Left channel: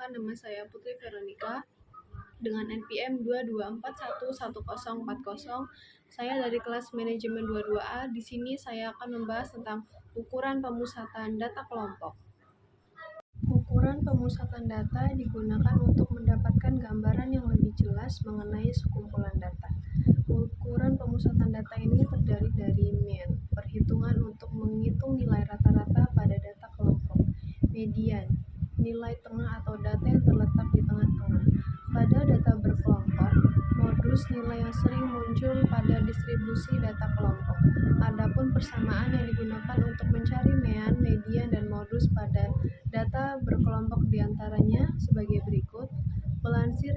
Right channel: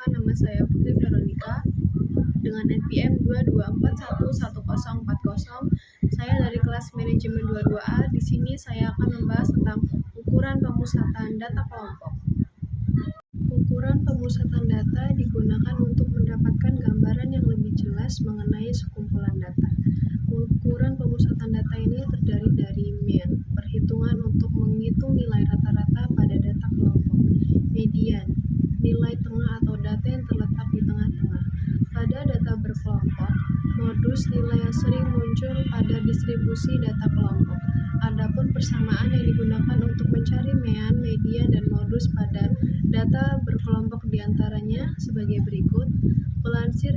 Perkenalkan, nama saya Putri Veronica dengan NPM 224111040. Saya dari kelas manajemen 22A. Di sini saya akan membahas tentang ukuran pemusatan data kelompok. Ukuran pemusatan data digunakan untuk mendapatkan gambaran yang lebih jelas mengenai sekumpulan data. Ukuran pemusatan data ini terdiri dari mean, perhitungan untuk menghitung nilai rata-rata pada data kelompok; median, nilai tengah atau data yang terletak di tengah-tengah pada data berkelompok; modus, nilai yang sering muncul pada distribusi data kelompok. Adapun persamaan yang digunakan untuk mencari mean, median, dan modus pada data berkelompok diantaranya sebagai berikut. Melansir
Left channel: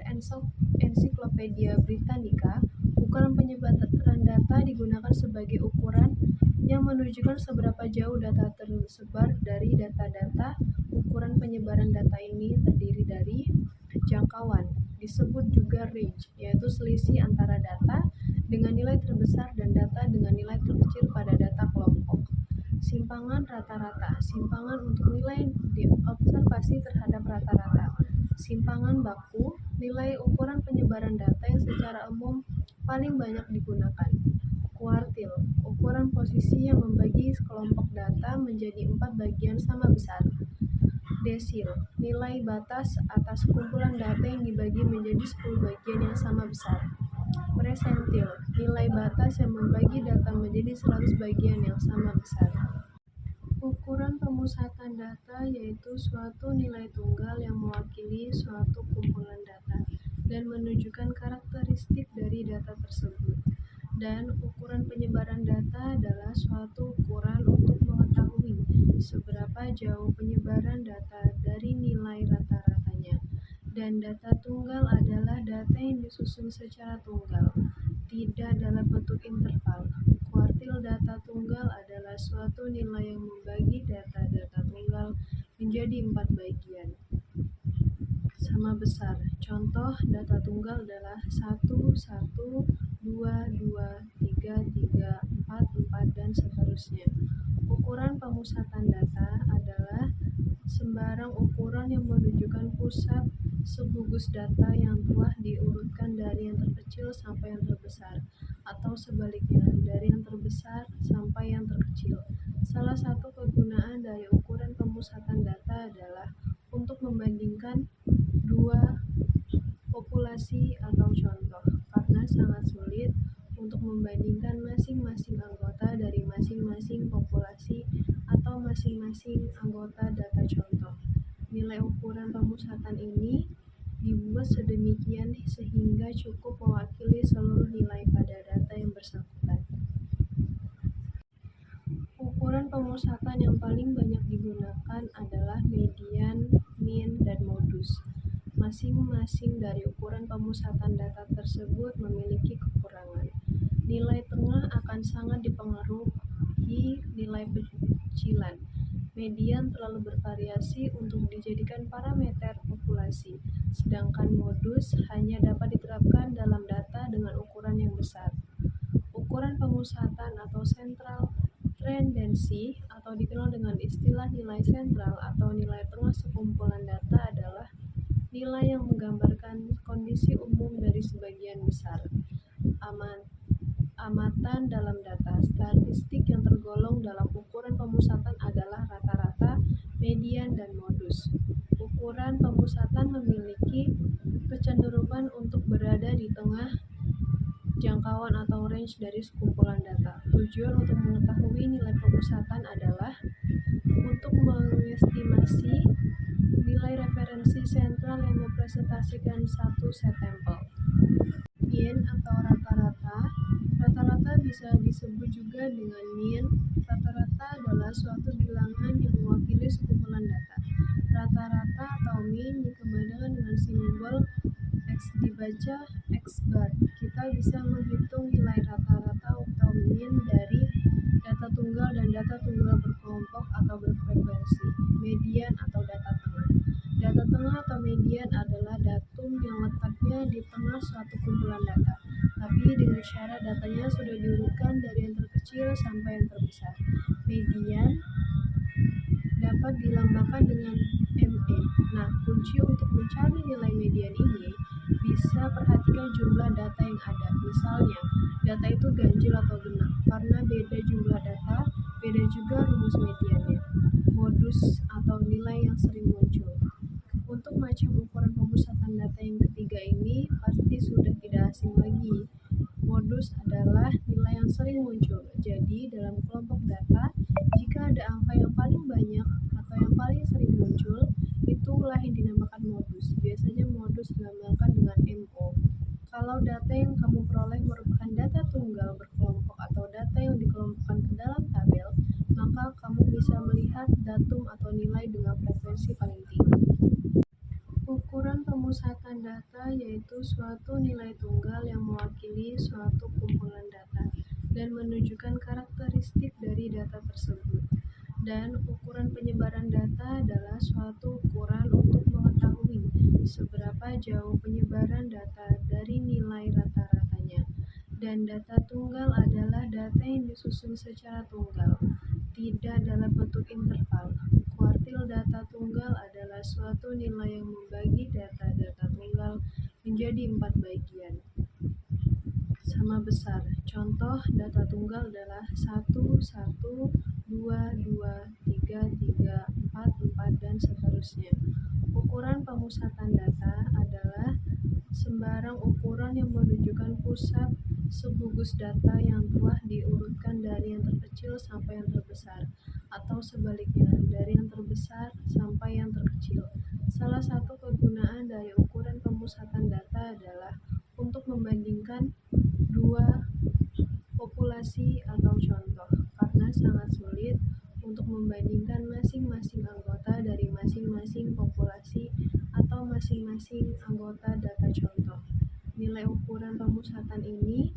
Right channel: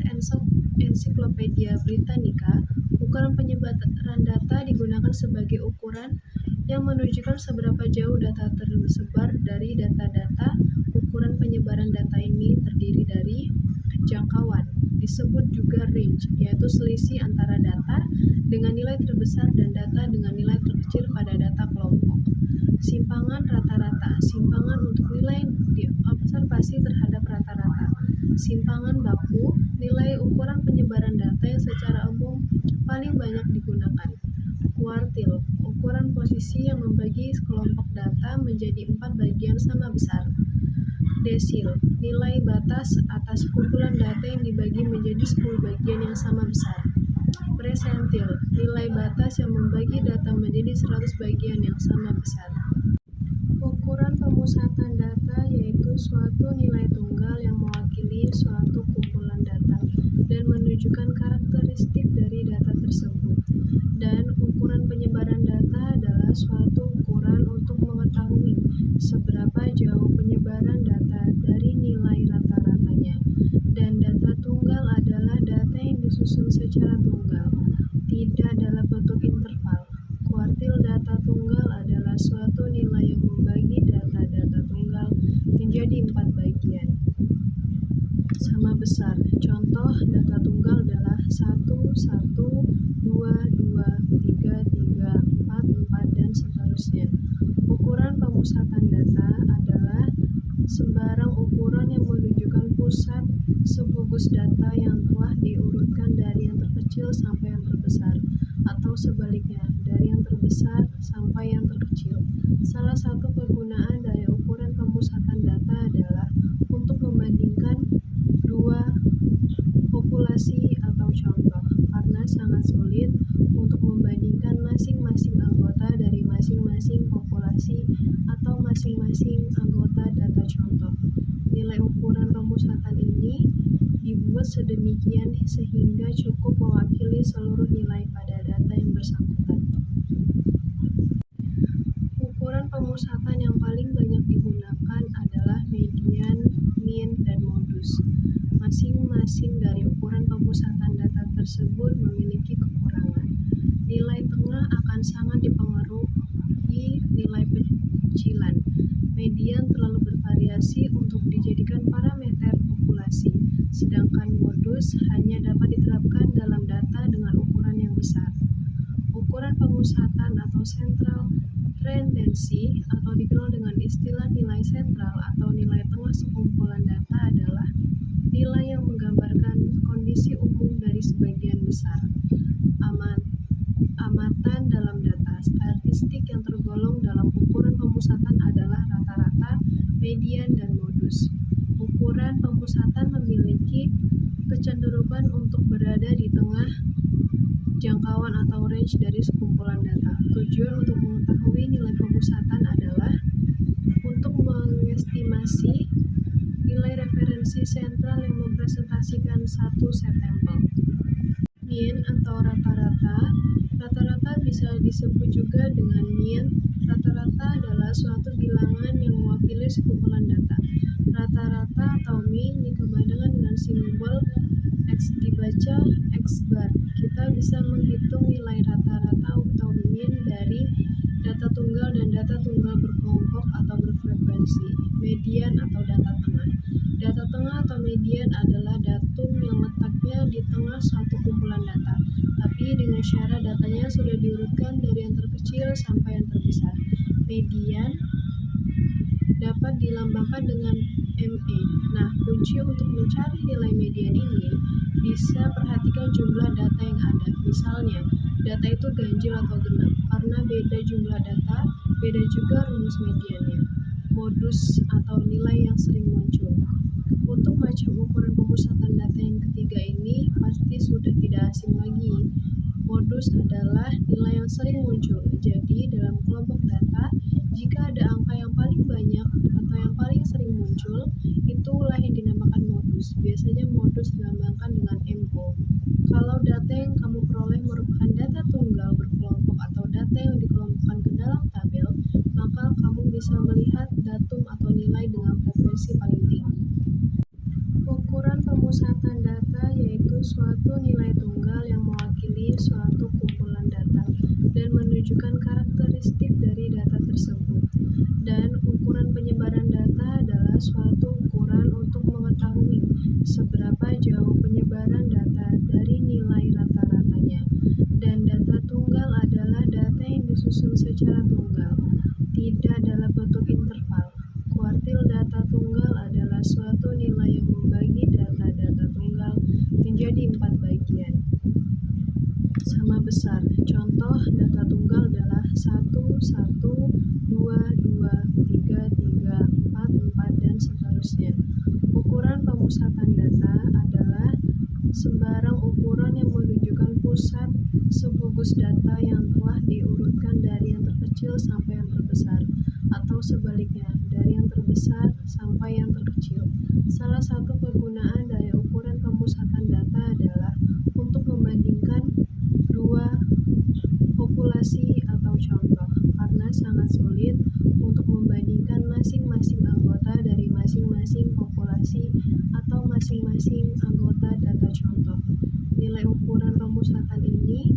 Ensiklopedia Britannica, ukuran penyebaran data digunakan sebagai ukuran yang menunjukkan seberapa jauh data tersebar dari data-data. Ukuran penyebaran data ini terdiri dari jangkauan, disebut juga range, yaitu selisih antara data dengan nilai terbesar dan data dengan nilai terkecil pada data kelompok. Simpangan rata-rata, simpangan untuk nilai diobservasi terhadap rata-rata. Simpangan baku, nilai ukuran penyebaran data yang secara umum paling banyak digunakan. Kuartil, ukuran posisi yang membagi kelompok data menjadi 4 bagian sama besar. Desil, nilai batas atas kumpulan data yang dibagi menjadi 10 bagian yang sama besar. Persentil, nilai batas yang membagi data menjadi 100 bagian yang sama besar. Ukuran pemusatan data yaitu suatu nilai tunggal yang mewakili suatu kumpulan data dan menunjukkan karakteristik dari data tersebut. Dan ukuran penyebaran data adalah suatu ukuran untuk mengetahui seberapa jauh penyebaran data dari nilai rata-ratanya. Dan data tunggal adalah data yang disusun secara tunggal, tidak dalam bentuk interval. Kuartil data tunggal adalah suatu nilai yang membagi data-data tunggal menjadi 4 bagian sama besar. Contoh data tunggal adalah 1, 1, 2, 2, 3, 3, 4, 4, dan seterusnya. Ukuran pemusatan data adalah sembarang ukuran yang menunjukkan pusat subgugus data yang telah diurutkan dari yang terkecil sampai yang terbesar, atau sebaliknya, dari yang terbesar sampai yang terkecil. Salah satu kegunaan dari ukuran pemusatan data adalah untuk membandingkan dua populasi atau contoh, karena sangat sulit untuk membandingkan masing-masing anggota dari masing-masing populasi atau masing-masing anggota data contoh. Nilai ukuran pemusatan ini dibuat sedemikian sehingga cukup mewakili seluruh nilai pada data yang bersangkutan. Ukuran pemusatan yang paling banyak digunakan adalah median, mean, dan modus. Masing-masing dari ukuran pemusatan data tersebut memiliki kekurangan. Nilai tengah akan sangat dipengaruhi nilai pecilan. Median terlalu bervariasi untuk dijadikan parameter populasi, sedangkan modus hanya dapat diterapkan dalam data dengan ukuran yang besar. Ukuran pemusatan atau central tendency, atau dikenal dengan istilah nilai sentral atau nilai tengah sekumpulan data, adalah nilai yang menggambarkan kondisi umum dari sebagian besar amatan dalam data. Statistik yang tergolong dalam ukuran pemusatan adalah rata-rata, median, dan modus. Ukuran pemusatan memiliki kecenderungan untuk berada di tengah jangkauan atau range dari sekumpulan data. Tujuan untuk mengetahui nilai pemusatan adalah untuk mengestimasi nilai referensi sentral yang merepresentasikan satu set sampel. Mean atau rata-rata. Rata-rata bisa disebut juga dengan mean. Rata-rata adalah suatu bilangan yang mewakili sekumpulan data. Rata-rata atau mean dikembangkan dengan simbol X dibaca X bar. Kita bisa menghitung nilai rata-rata atau mean dari data tunggal dan data tunggal berkelompok atau berfrekuensi. Median atau data tengah. Data tengah atau median adalah datum yang letaknya di tengah suatu kumpulan data, tapi dengan syarat datanya sudah diurutkan dari yang terkecil sampai yang terbesar. Median dapat dilambangkan dengan ME. Nah, kunci untuk mencari nilai median ini bisa perhatikan jumlah data yang ada. Misalnya, data itu ganjil atau genap. Karena beda jumlah data, beda juga rumus mediannya. Modus atau nilai yang sering muncul. Untuk macam ukuran pemusatan data yang ketiga ini pasti sudah tidak asing lagi. Modus adalah nilai yang sering muncul. Jadi, dalam kelompok data, jika ada angka yang paling banyak atau yang paling sering muncul, itulah yang dinamakan modus. Biasanya modus dilambangkan dengan MO. Kalau data yang kamu peroleh merupakan data tunggal berkelompok atau data yang dikelompokkan ke dalam tabel, maka kamu bisa melihat datum atau nilai dengan frekuensi paling tinggi. Ukuran pemusatan data yaitu suatu nilai tunggal yang mewakili suatu kumpulan data dan menunjukkan karakteristik dari data tersebut. Dan ukuran penyebaran data adalah suatu ukuran untuk mengetahui seberapa jauh penyebaran data dari nilai rata-ratanya. Dan data tunggal adalah data yang disusun secara tunggal, tidak dalam bentuk interval. Kuartil data tunggal adalah suatu nilai yang membagi data-data tunggal menjadi 4 bagian sama besar. Contoh data tunggal adalah 1, 1, 2, 2, 3, 3, 4, 4, dan seterusnya. Ukuran pemusatan data adalah sembarang ukuran yang menunjukkan pusat subgugus data yang telah diurutkan dari yang terkecil sampai yang terbesar, atau sebaliknya, dari yang terbesar sampai yang terkecil. Salah satu kegunaan dari ukuran pemusatan data adalah untuk membandingkan dua populasi atau contoh, karena sangat sulit untuk membandingkan masing-masing anggota dari masing-masing populasi atau masing-masing anggota data contoh. Nilai ukuran pemusatan ini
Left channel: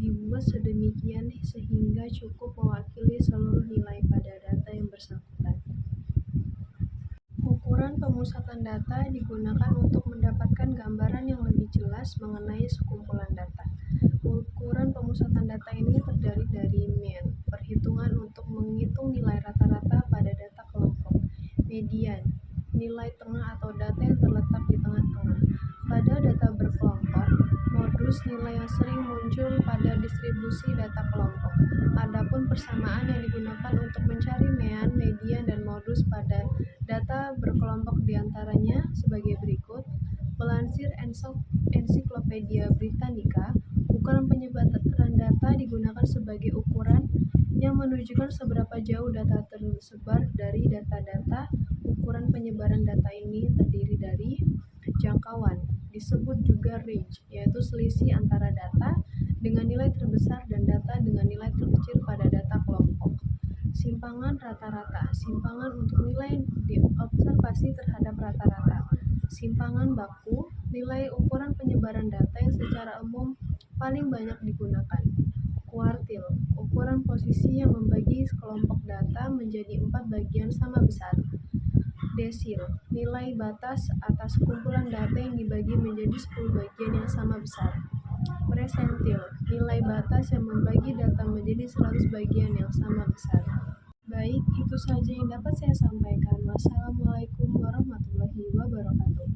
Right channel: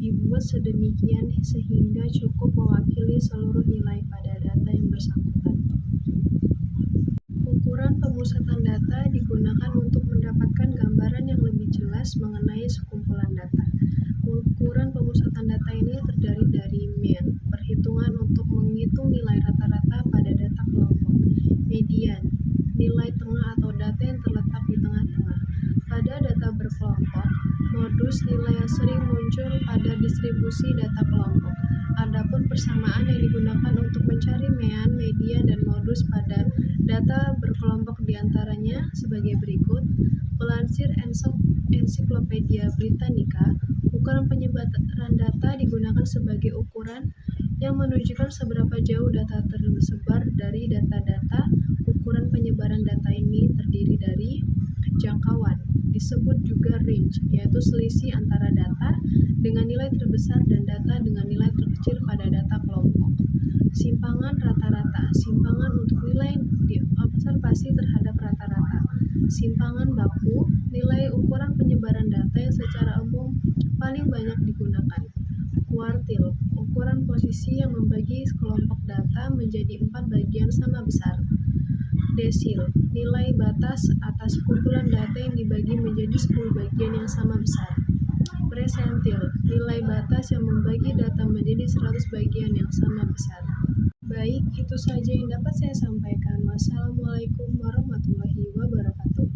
dibuat sedemikian sehingga cukup mewakili seluruh nilai pada data yang bersangkutan. Ukuran pemusatan data digunakan untuk mendapatkan gambaran yang lebih jelas mengenai sekumpulan data. Ukuran pemusatan data ini terdiri dari mean, perhitungan untuk menghitung nilai rata-rata pada data kelompok, median, nilai tengah atau data yang terletak di tengah-tengah. Pada data berkelompok, modus nilai yang sering muncul pada distribusi data kelompok. Adapun persamaan yang digunakan untuk mencari mean, median, dan modus pada data berkelompok diantaranya sebagai berikut. Melansir Ensiklopedia Britannica, ukuran penyebaran data digunakan sebagai ukuran yang menunjukkan seberapa jauh data tersebar dari data-data. Ukuran penyebaran data ini terdiri dari jangkauan, disebut juga range, yaitu selisih antara data dengan nilai terbesar dan data dengan nilai terkecil pada data kelompok. Simpangan rata-rata, simpangan untuk nilai diobservasi terhadap rata-rata. Simpangan baku, nilai ukuran penyebaran data yang secara umum paling banyak digunakan. Kuartil, ukuran posisi yang membagi kelompok data menjadi 4 bagian sama besar. Desil, nilai batas atas kumpulan data yang dibagi menjadi 10 bagian yang sama besar. Persentil, nilai batas yang membagi data menjadi 100 bagian yang sama besar. Baik, itu saja yang dapat saya sampaikan. Wassalamualaikum warahmatullahi wabarakatuh.